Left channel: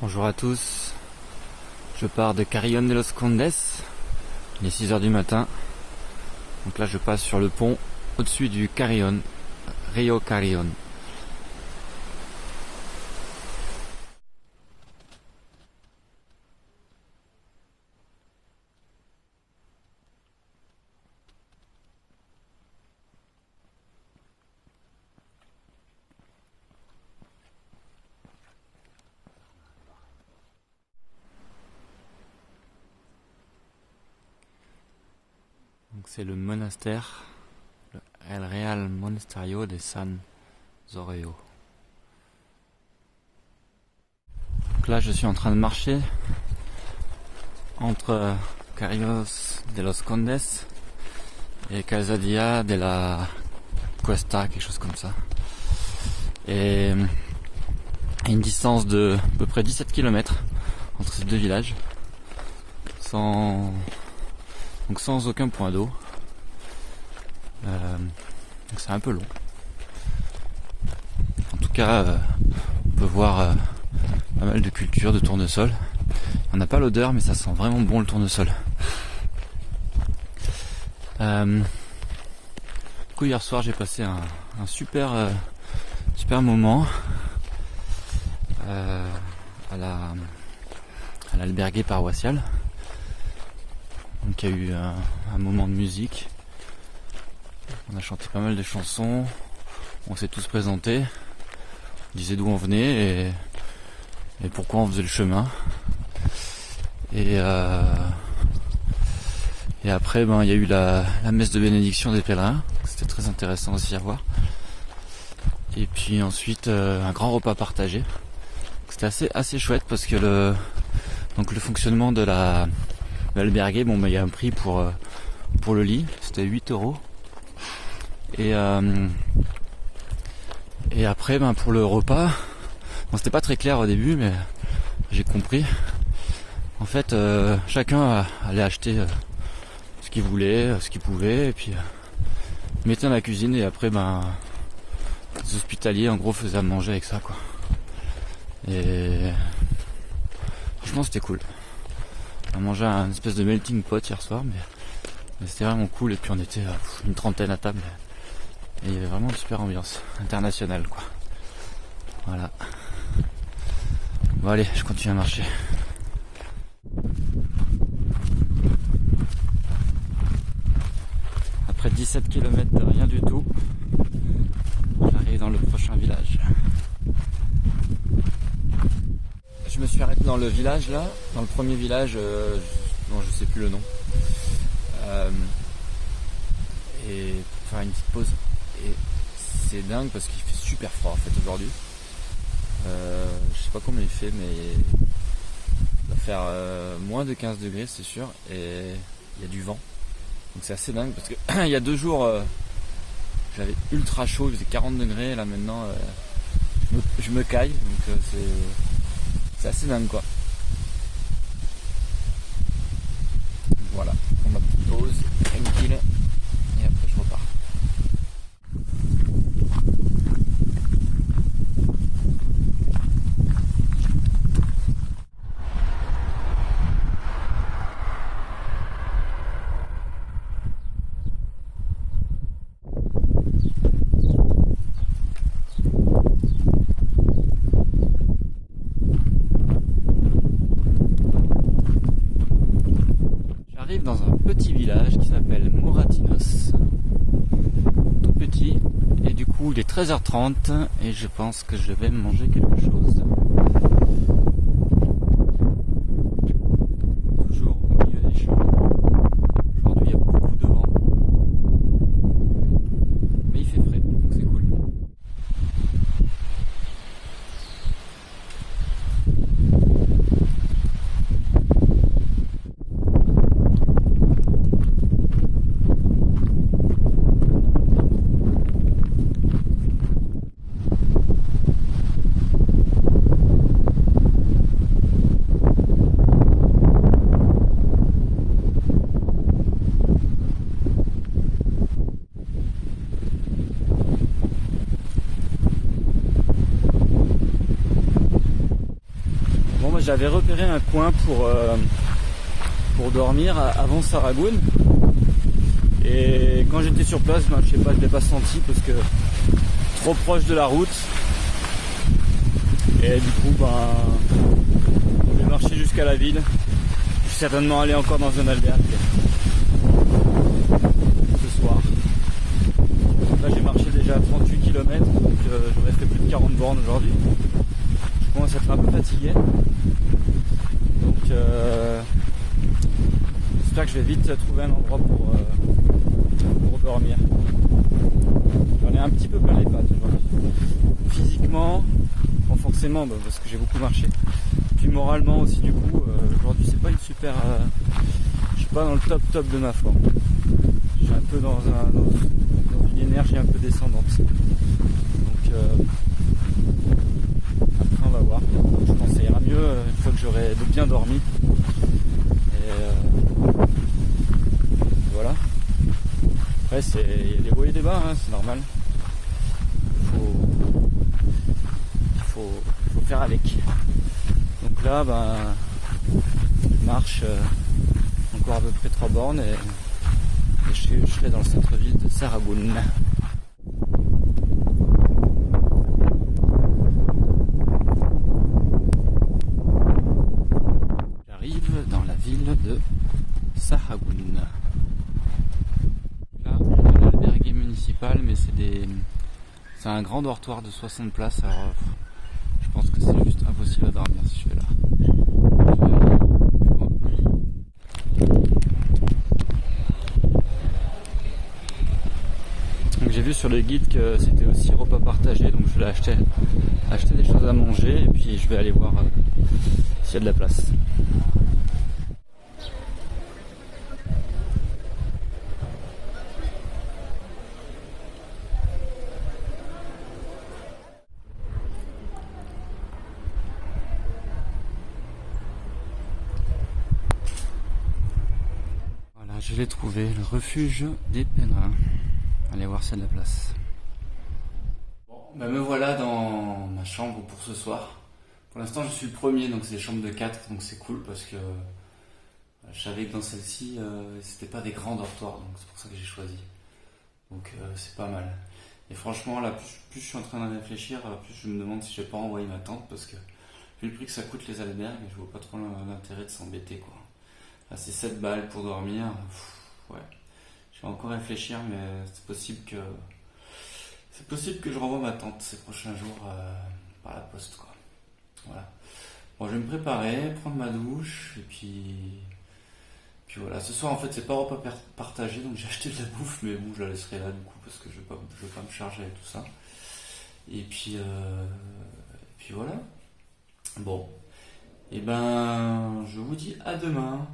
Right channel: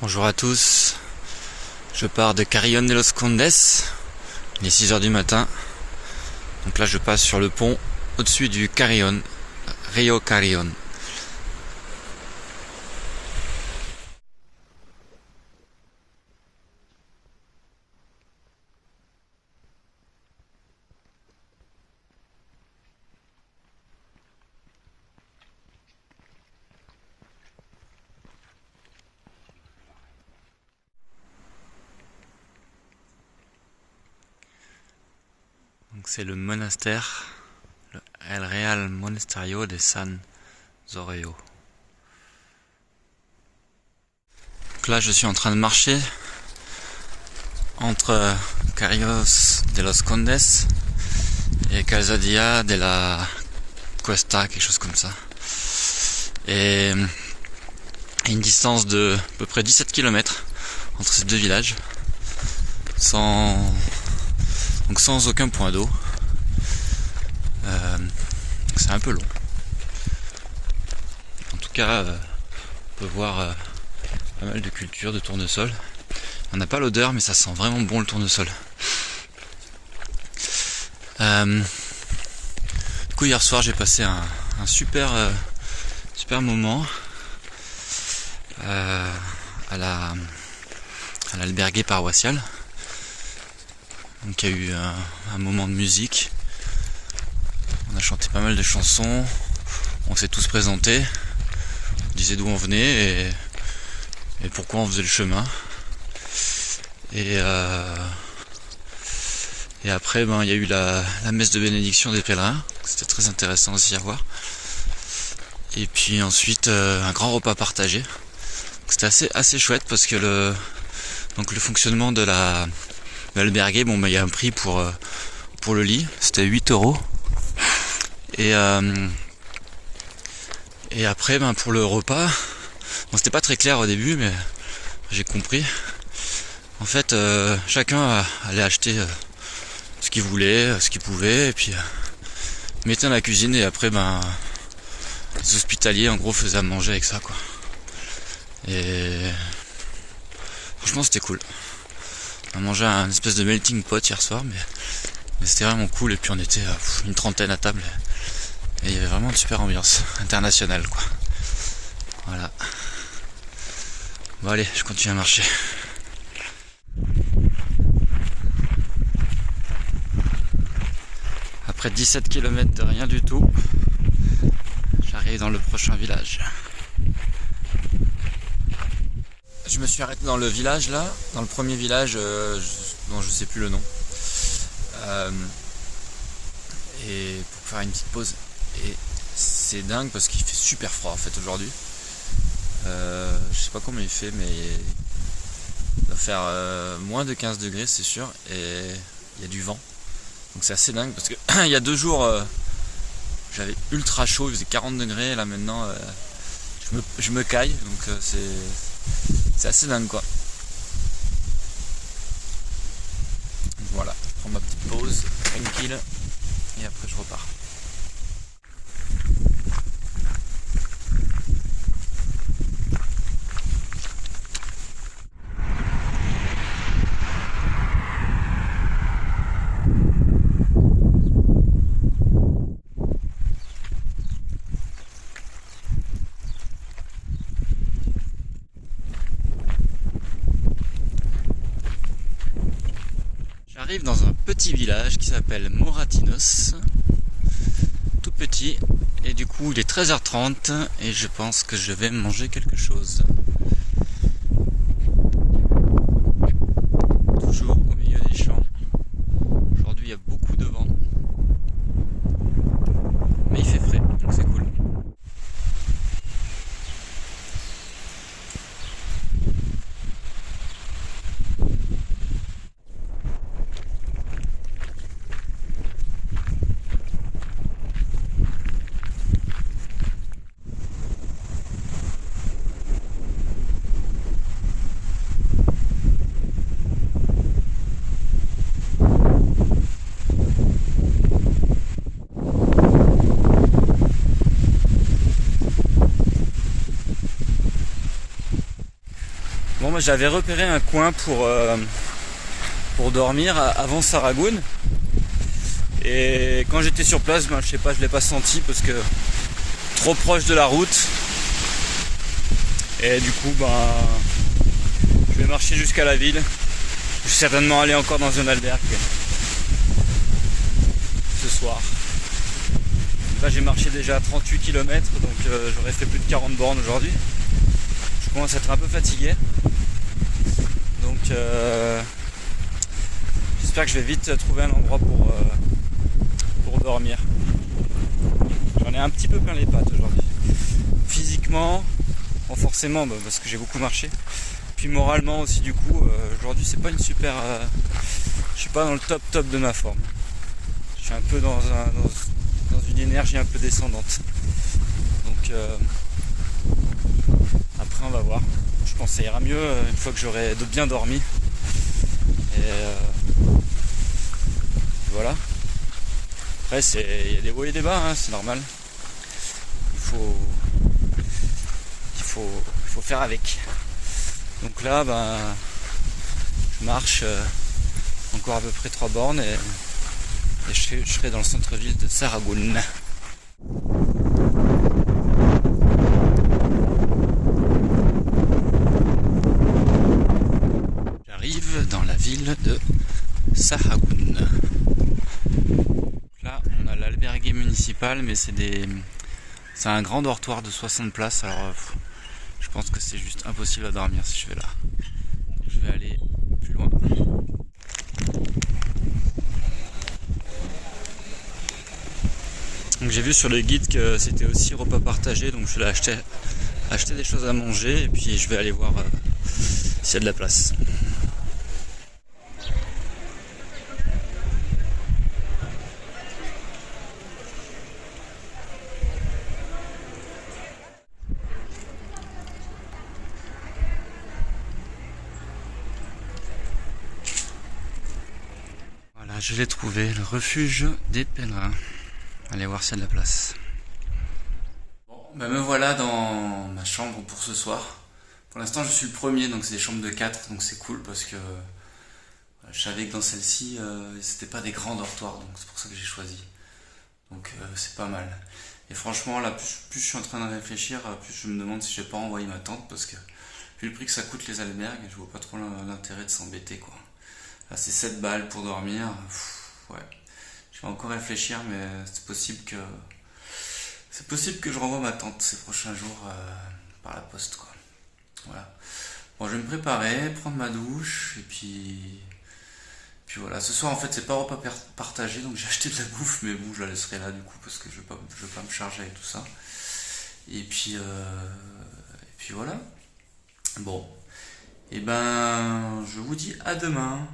Bonjour à tous, je pars de Carrión de los Condes, il est 6h du matin, donc là je passe sur le pont au-dessus du Carrión, Rio Carrión. Donc c'est le monastère, le El Real Monasterio de San Zorio. Donc là je suis en train de marcher entre Carrión de los Condes et Calzadilla de la Cuesta, quelque chose comme ça. Et à une distance de à peu près 17 km entre ces deux villages, sans aucun point d'eau. C'est un peu long. En tout cas, on peut voir pas mal de cultures de tournesol. On n'a pas l'odeur, mais ça sent vraiment bon le tournesol. Du coup, hier soir, j'ai passé un super moment à l'albergue paroissial. Donc il y a eu un moment de musique, on a chanté pas mal de chansons, on s'est tous présentés, on disait d'où on venait et pourquoi on faisait le chemin. Et après il y a eu la messe de bénédiction des pèlerins, c'était très intéressant aussi à voir. Et puis ensuite un grand repas partagé. C'était assez chouette parce que le fonctionnement de l'albergue, il y a un prix pour le lit, c'était 8€. Et après pour le repas, c'était pas très clair au début, mais j'ai compris. En fait, chacun allait acheter ce qu'il voulait, ce qu'il pouvait, et puis mettait dans la cuisine, et après les hospitaliers en gros faisaient à manger avec ça, quoi. Et franchement c'était cool. On a mangé un espèce de melting pot hier soir, mais c'était vraiment cool. Et puis on était une trentaine à table, et il y avait vraiment une super ambiance internationale, quoi. Voilà. Bon allez, je continue à marcher. Après 17 km de rien du tout, j'arrive dans le prochain village. Je me suis arrêté dans le village là, dans le premier village dont je sais plus le nom, et pour faire une petite pause. Et c'est dingue parce qu'il fait super froid en fait aujourd'hui. Je sais pas combien il fait, mais il va faire moins de 15 degrés c'est sûr, et il y a du vent. Donc c'est assez dingue parce que il y a 2 jours j'avais ultra chaud, il faisait 40 degrés, et là maintenant je me caille, donc c'est assez dingue, quoi. Donc voilà, je prends ma petite pause, tranquille, et après je repars. J'arrive dans un petit village qui s'appelle Moratinos, tout petit, et du coup il est 13h30 et je pense que je vais manger quelque chose. Toujours au milieu des champs. Aujourd'hui il y a beaucoup de vent, mais il fait frais, donc c'est cool. Bon, moi j'avais repéré un coin pour dormir avant Saragoun. Et quand j'étais sur place, je sais pas, je l'ai pas senti parce que trop proche de la route. Et du coup, je vais marcher jusqu'à la ville. Je vais certainement aller encore dans un albergue ce soir. Là, j'ai marché déjà 38 km, donc j'aurais fait plus de 40 bornes aujourd'hui. Je commence à être un peu fatigué. Donc j'espère que je vais vite trouver un endroit pour dormir. J'en ai un petit peu plein les pattes aujourd'hui. Physiquement, bon, forcément parce que j'ai beaucoup marché. Puis moralement aussi du coup, aujourd'hui c'est pas une super... je suis pas dans le top de ma forme. Je suis un peu dans une énergie un peu descendante. Donc après on va voir. Je pense que ça ira mieux une fois que j'aurai bien dormi. Et voilà. Après il y a des hauts et des bas, hein, c'est normal. Il faut faire avec. Donc là je marche encore à peu près 3 bornes et je serai dans le centre-ville de Saragoun. J'arrive dans la ville de Saragoun. Là on a l'albergue municipal, mais c'est un grand dortoir de 60 places, alors je pense que c'est juste impossible à dormir si je vais là. Je vais aller plus loin. Donc j'ai vu sur le guide que c'était aussi repas partagé, donc je vais acheter des choses à manger et puis je vais aller voir s'il y a de la place. Voilà, je l'ai trouvé, le refuge des pèlerins. Allez voir s'il y a de la place. Bon, me voilà dans ma chambre pour ce soir. Pour l'instant, je suis le premier, donc c'est des chambres de 4, donc c'est cool parce que je savais que dans celle-ci, c'était pas des grands dortoirs, donc c'est pour ça que j'ai choisi. Donc c'est pas mal. Et franchement, là, plus je suis en train de réfléchir, plus je me demande si je vais pas envoyer ma tante parce que vu le prix que ça coûte les albergues, je vois pas trop l'intérêt de s'embêter, quoi. Là, c'est 7 balles pour dormir. Ouais. Je vais encore réfléchir, mais c'est possible que je renvoie ma tante ces prochains jours par la poste, quoi. Voilà. Bon, je vais me préparer, prendre ma douche, et puis voilà. Ce soir, en fait, c'est pas repas partagé, donc j'ai acheté de la bouffe, mais bon, je la laisserai là, du coup, parce que je vais pas me charger avec tout ça. Et puis voilà. Bon. Et je vous dis à demain.